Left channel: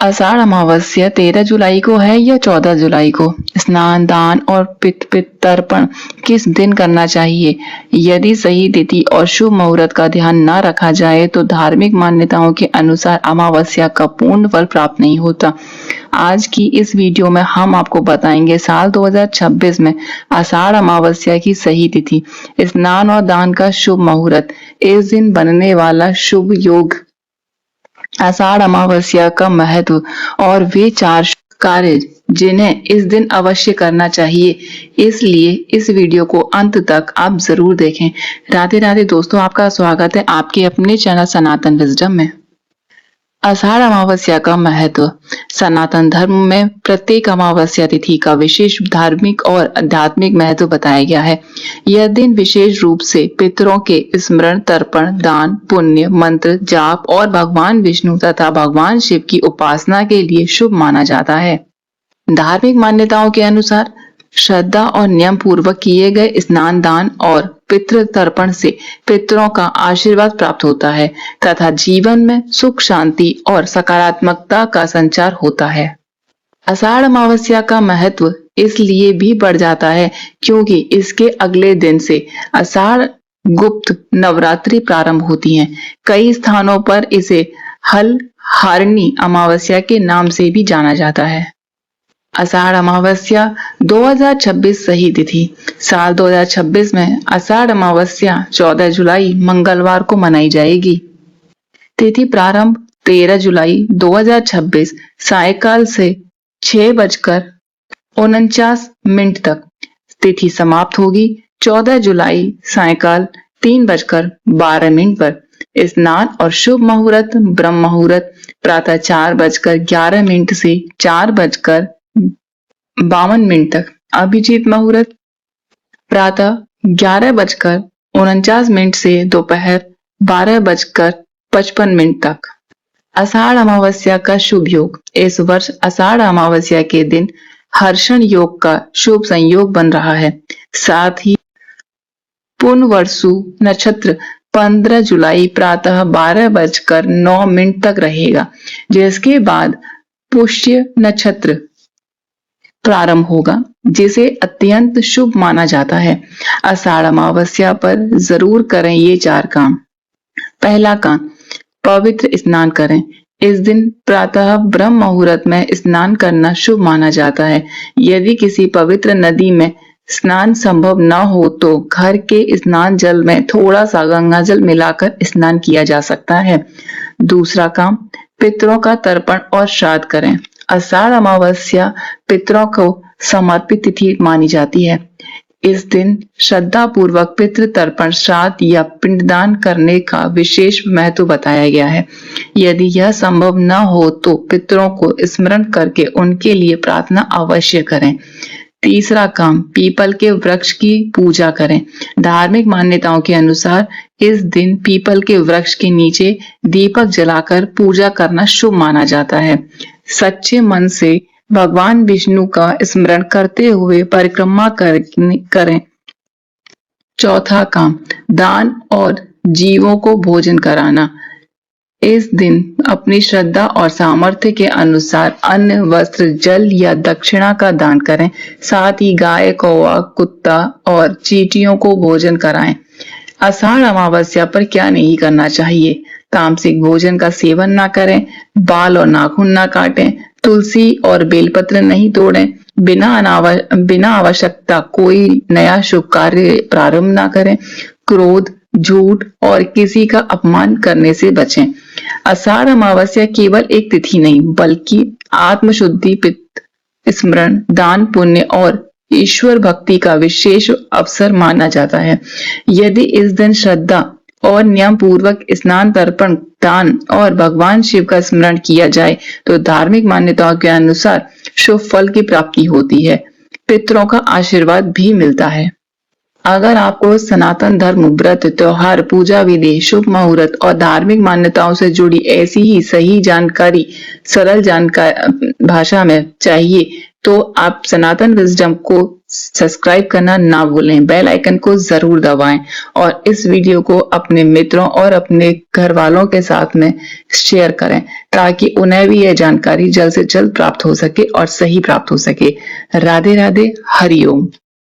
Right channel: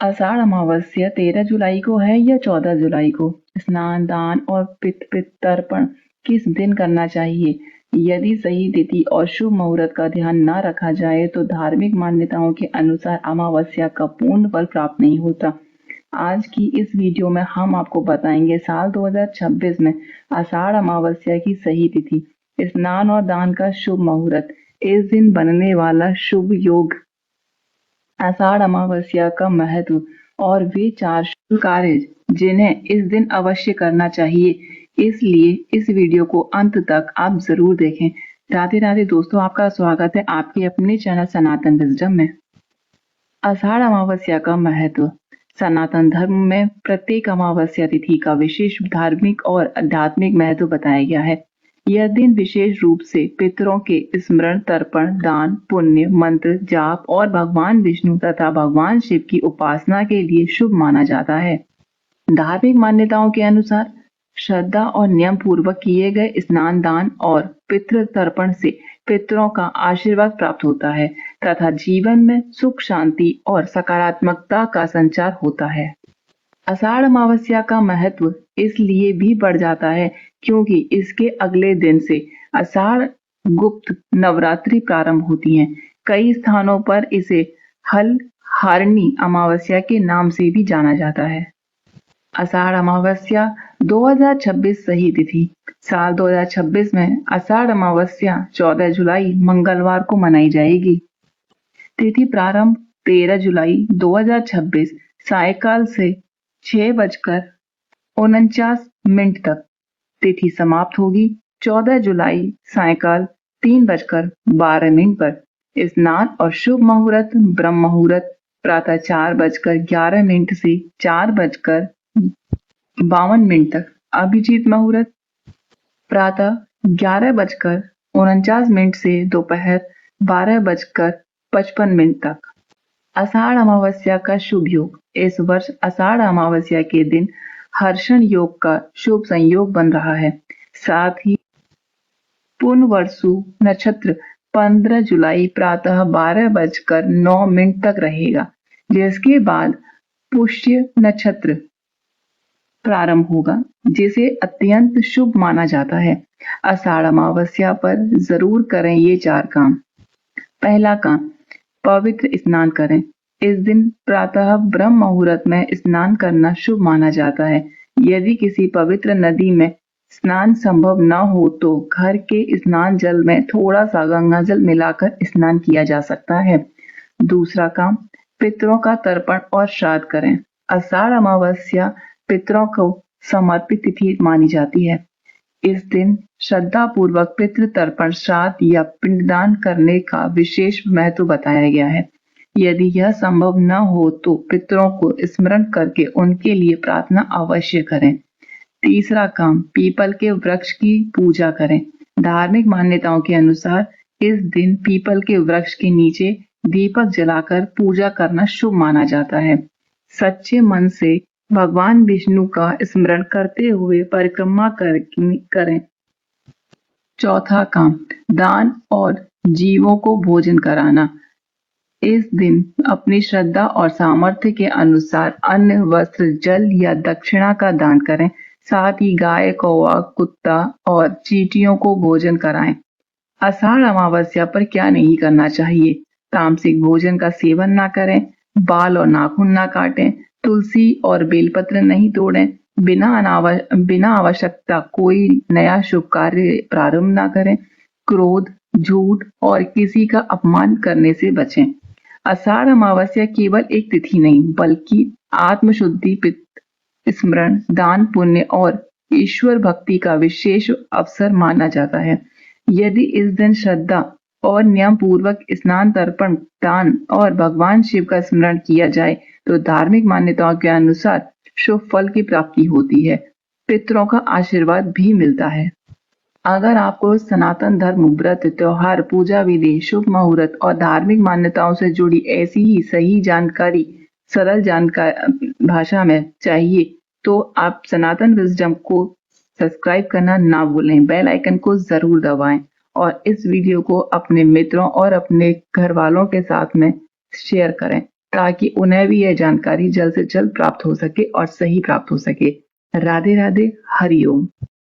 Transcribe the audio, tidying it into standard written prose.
आषाढ़ अमावस्या 13 जुलाई को है या 14 जुलाई को? स्नान, दान और पितृ तर्पण किस दिन करना चाहिए? यदि सही तिथि और शुभ मुहूर्त का ध्यान न रखा जाए तो धार्मिक मान्यताओं के अनुसार अमावस्या का पूर्ण फल प्राप्त नहीं होता। आज की इस वीडियो में हम आपको बताएंगे साल 2026 में आषाढ़ अमावस्या की सही तिथि, स्नान और दान का शुभ मुहूर्त, इस दिन बनने वाला शुभ योग, आषाढ़ अमावस्या का महत्व और वे 4 शुभ कार्य जिन्हें इस दिन अवश्य करना चाहिए। इसलिए इस वीडियो को अंत तक आप जरूर देखें। राधे राधे दोस्तों, आपका स्वागत है आपके अपने चैनल सनातन विजडम में। आषाढ़ अमावस्या का महत्व। सनातन धर्म में प्रत्येक अमावस्या तिथि का विशेष धार्मिक और आध्यात्मिक महत्व बताया गया है। यह दिन विशेष रूप से पितरों के स्मरण, तर्पण, दान, पुण्य, मंत्र जाप और भगवान विष्णु तथा भगवान शिव की उपासना के लिए शुभ माना जाता है। धार्मिक मान्यताओं के अनुसार श्रद्धा और नियम पूर्वक किए गए स्नान, दान और पितृ तर्पण से पितरों का आशीर्वाद प्राप्त होता है तथा जीवन में सुख, शांति और सकारात्मकता का संचार होता है। आषाढ़ अमावस्या का महत्व इसलिए भी बढ़ जाता है क्योंकि इसके अगले दिन से आषाढ़ गुप्त नवरात्रि प्रारंभ होती हैं। कई स्थानों पर इसे हल हारिणी अमावस्या के नाम से भी जाना जाता है। आषाढ़ अमावस्या 2026 सही तिथि। साल 2026 में आषाढ़ अमावस्या 14 जुलाई मंगलवार को मनाई जाएगी। तिथि प्रारंभ 13 जुलाई 2026 सायकाल से 6:49 तक। तिथि समाप्त होगी 14 जुलाई सायकाल 3:12 पर। स्नान और शुभ मुहूर्त ब्रह्म मुहूर्त प्रातः 4:11 से 4:52 तक। अभिजीत मुहूर्त प्रातः 11:49 से दोपहर 12:55 तक। आषाढ़ अमावस्या का शुभ योग। इस वर्ष आषाढ़ अमावस्या के दिन हर्षण योग का शुभ संयोग बन रहा है। साथ ही पुनर्वसु नक्षत्र 15 जुलाई प्रातः 12:09 तक रहेगा, जिसके बाद पुष्य नक्षत्र प्रारंभ होगा, जिसे अत्यंत शुभ माना जाता है। आषाढ़ अमावस्या पर जरूर करें ये 4 काम। पहला काम, पवित्र स्नान करें। इस दिन प्रातः ब्रह्म मुहूर्त में स्नान करना शुभ माना जाता है। यदि किसी पवित्र नदी में स्नान संभव न हो तो घर के स्नान जल में थोड़ा सा गंगा जल मिलाकर स्नान किया जा सकता है। दूसरा काम, पितरों का तर्पण और श्राद्ध करें। आषाढ़ अमावस्या पितरों को समर्पित तिथि मानी जाती है। इस दिन श्रद्धा पूर्वक पितृ तर्पण, श्राद्ध या पिंडदान करने का विशेष महत्व बताया गया है। यदि यह संभव न हो तो पितरों को स्मरण करके उनके लिए प्रार्थना अवश्य करें। तीसरा काम, पीपल के वृक्ष की पूजा करें। धार्मिक मान्यताओं के अनुसार इस दिन पीपल के वृक्ष के नीचे दीपक जलाकर पूजा करना शुभ माना जाता है। सच्चे मन से भगवान विष्णु का स्मरण करते हुए परिक्रमा करें। चौथा काम, दान और जीवों को भोजन कराना। इस दिन अपनी श्रद्धा और सामर्थ्य के अनुसार अन्न, वस्त्र, जल या दक्षिणा का दान करें। साथ ही गाय, कौवा, कुत्ता और चींटियों को भोजन कराएं। आषाढ़ अमावस्या पर क्या नहीं करना चाहिए? तामसिक भोजन का सेवन ना करें, बाल और नाखून ना काटें, तुलसी और बेलपत्र नहीं तोड़ें, बिना आवश्यकता कोई नया शुभ कार्य प्रारंभ ना करें, क्रोध, झूठ और किसी का अपमान करने से बचें। आषाढ़ अमावस्या केवल एक तिथि नहीं बल्कि आत्मशुद्धि, पितृ स्मरण, दान, पुण्य और ईश्वर भक्ति का विशेष अवसर माना जाता है। यदि इस दिन श्रद्धा और नियम पूर्वक स्नान, तर्पण, दान और भगवान शिव का स्मरण किया जाए तो धार्मिक मान्यताओं के अनुसार शुभ फल की प्राप्ति होती है। पितरों का आशीर्वाद भी मिलता है। अगर आपको सनातन धर्म, व्रत, त्योहार, पूजा विधि, शुभ मुहूर्त और धार्मिक मान्यताओं से जुड़ी ऐसी ही सही जानकारी सरल भाषा में चाहिए तो आप सनातन विजडम को सब्सक्राइब करना ना भूलें, बेल आइकन को जरूर दबाएं और इस वीडियो को अपने मित्रों और अपने घर वालों के साथ में शेयर करें ताकि उन्हें भी यह जानकारी जल्द से जल्द प्राप्त हो सके और सही प्राप्त हो सके। राधे राधे, हरिओम।